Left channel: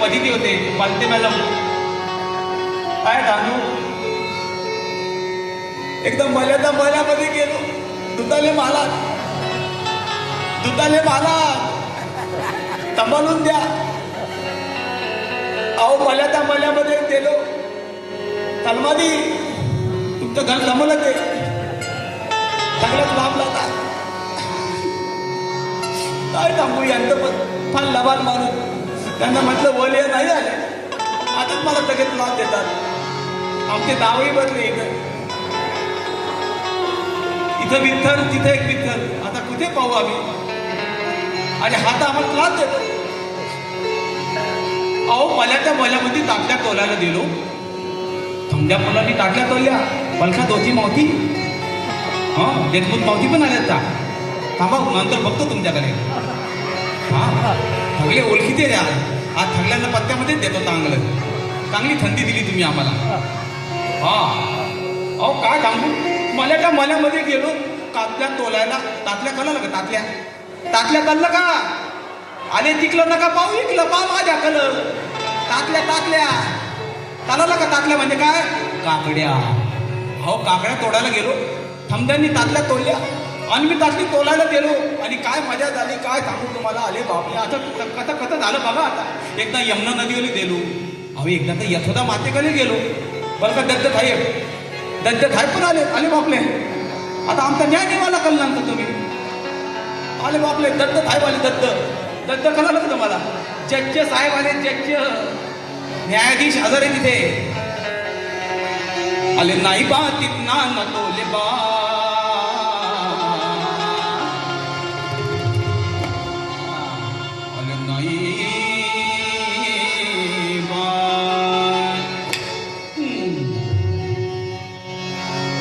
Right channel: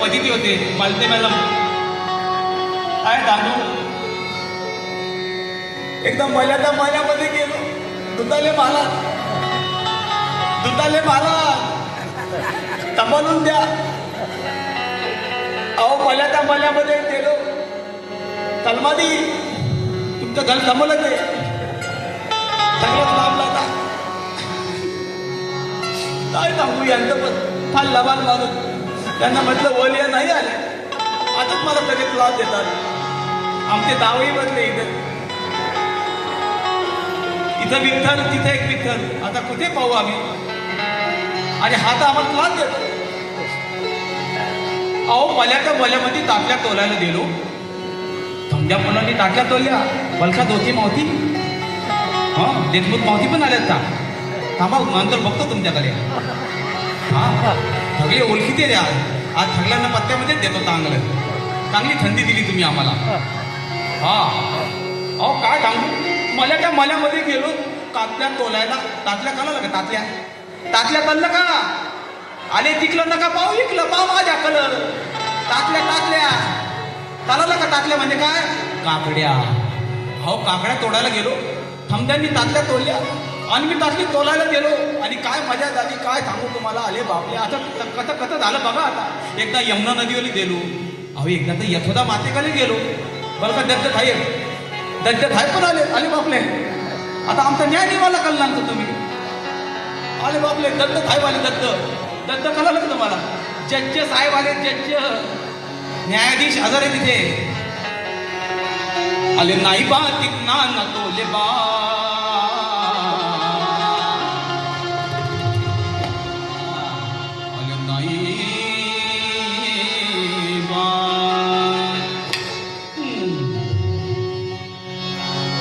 पदिती होते. मालते मॅडम. काय दानू एकदम मल्याच्या मल्यामध्ये गेलो. दुधाले माला. दुधाले माला. तंबलून द्या. अहो मल्याच्या मल्यामध्ये गेलो. कलमादी तुमचं घर जमलं ते सगळंच लाभ लागा काय सांगू यांचं पण फार लबाल माणूस. त्यांना म्हटलं वलिया नाही आले. आताच मला लगेच त्रास देतात. आमचे दावही बदले इथं. इथं विठ्ठल तिथं एक विठ्ठल. आता कुठे पाहू आम्ही? आणि हा तर आम्हाला त्रास देतो. अहो मल्याच्या मल्यामध्ये टाकल्या तोलायला गेलो थंड्या मुलांनी टाकल्या तोल्या. पलशात होती मावती हा? देशमुख मावती पण आल्या का थांबा नंतर बघतो तुमच्याकडे. हा? सगळे ओळखीचे द्या. आज थंगल्यांना पत्त्यामध्येच देतो चांगलं चांगली थंडी दिली तुम्ही आम्हाला. हा. अहो काय सांगू मला त्या मल्यामध्ये गेलो. तातल्या तोलायला. तातल्या कळलं का तातल्या. तातल्या कळलं का आले तिकलं नका पाहू इकलं पाव माझ्या कलर. तातल्या तातल्या. चालवलं का तातल्या म्हणजे काय? काकड्या. हो काकड्या तोडायला गेलो. थंब्यांनी तातल्या तोडल्या. आणि मी त्यातली तोलायला गेलो. आणि काय मजा झाली काय सांगू तुम्हाला? आले बापले आता कसं कसं झालं बाबा आता? एकदा यमुना नदीवर गेलो. अहो एकदा तर यथोदा मातेकडे गेलो. बरं का दत्त थाई दत्त थाई पण आले. आले बापले. आता आमचा न्याय निवाला कळला तुम्ही. आले बापले. दत्त थाय आले दत्त. दत्त कळालं का तुम्हाला? जज्ज साहेब आले जज्ज. न्यायाधीश हजर आहे तिथे. आले नाही बा तिकना नकोले बा.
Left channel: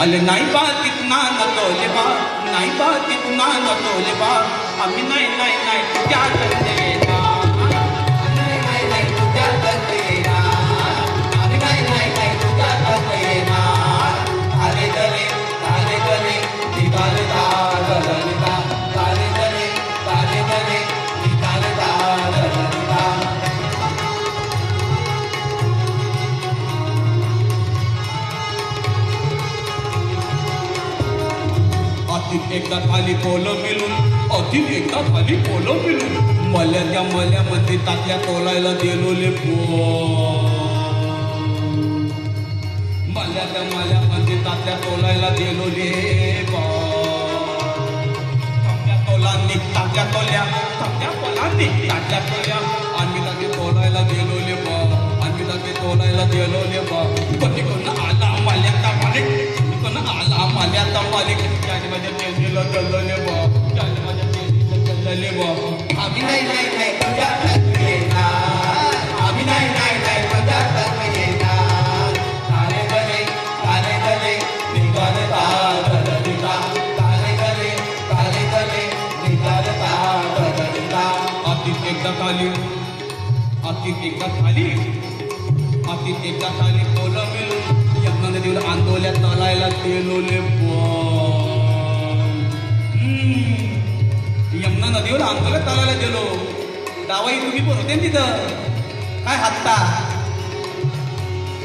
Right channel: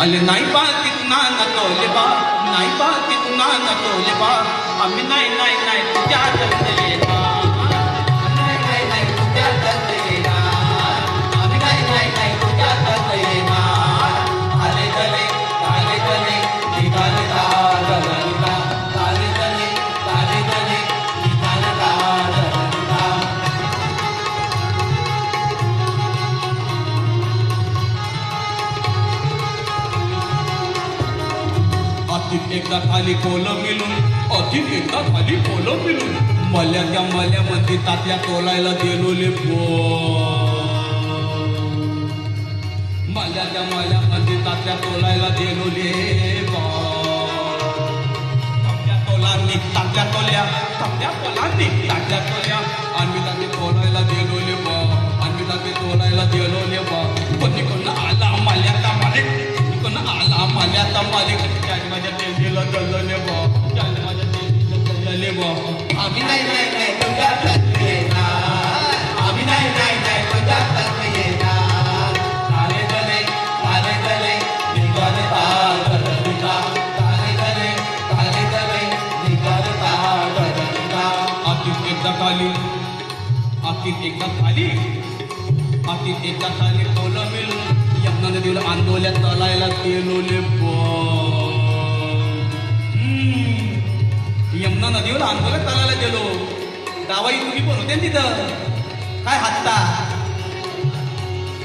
अले नाही बा तिकना नकोले बा नाही बा तिकना नकोले बा आम्ही नाही नाही नाही त्या अतित एकदा खाली कोलं मिळून अतित एकदा खाली कोलं मिळून मल्या त्या मल्यामध्ये तात्या तोलायला गेलोले आपली खाली. आपली एकदा खाली तोला मिळून यमुना नदीवर आंदोलन चालायला गेलोले यमुना नदीवर आंदोलन चालायला गेलो. दावाई तुम्ही पण होते ना तिथं? काय हात्ता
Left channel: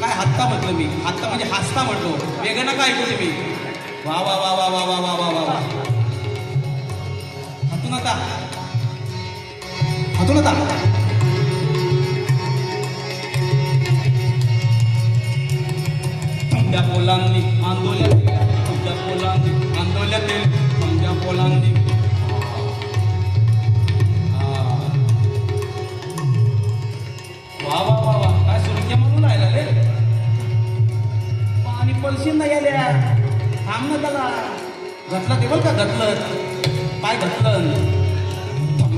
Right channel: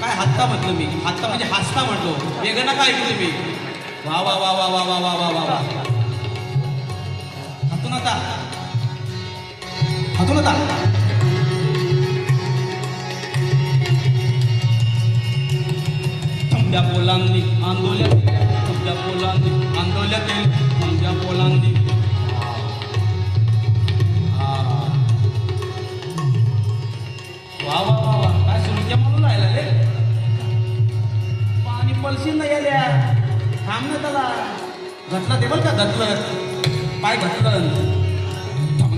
काय हात्ता म्हटलो मी? हत्ता म्हणजे हसता म्हटलो वेगळं नका ऐकू तुम्ही वा वा वा वा वा वा वा वा वा वा. हातू नका. हातू नका. घटलं ते बरं का घटलं पाय घटलं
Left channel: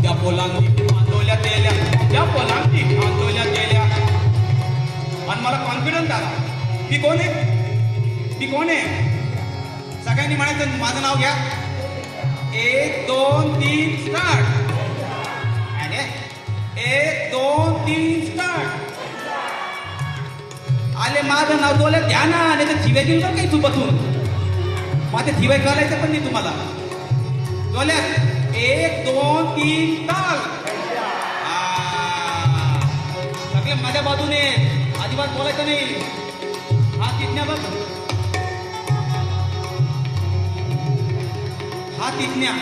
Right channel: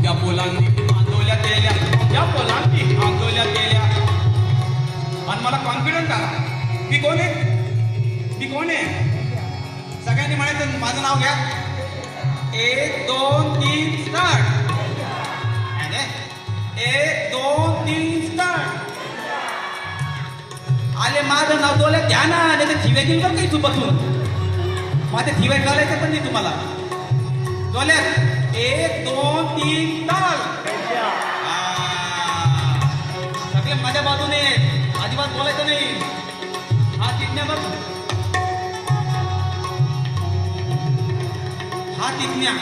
त्या पोलांनी आंदोल्या गेल्या त्या पोलांनी आंदोल्या गेल्या आणि मला कॉन्फिडंट आहे ती कोण आहे? ती कोण आहे? सगळ्यांनी म्हणायचं माझं नाव घ्या. एक दोन तीन स्टार्ट एक दोन तीन स्टार्ट आले माझं नाव दोले द्या ना आणि तर थिवे काही तू बसून माझ्या ठिवाय करायचं पण नाही तुम्हाला. दोले एक दोन तीन ताल सगळे माझ्या बाजूने अजिबात बोलायचं नाही. हात तिथण्या बघ. हात तिथण्या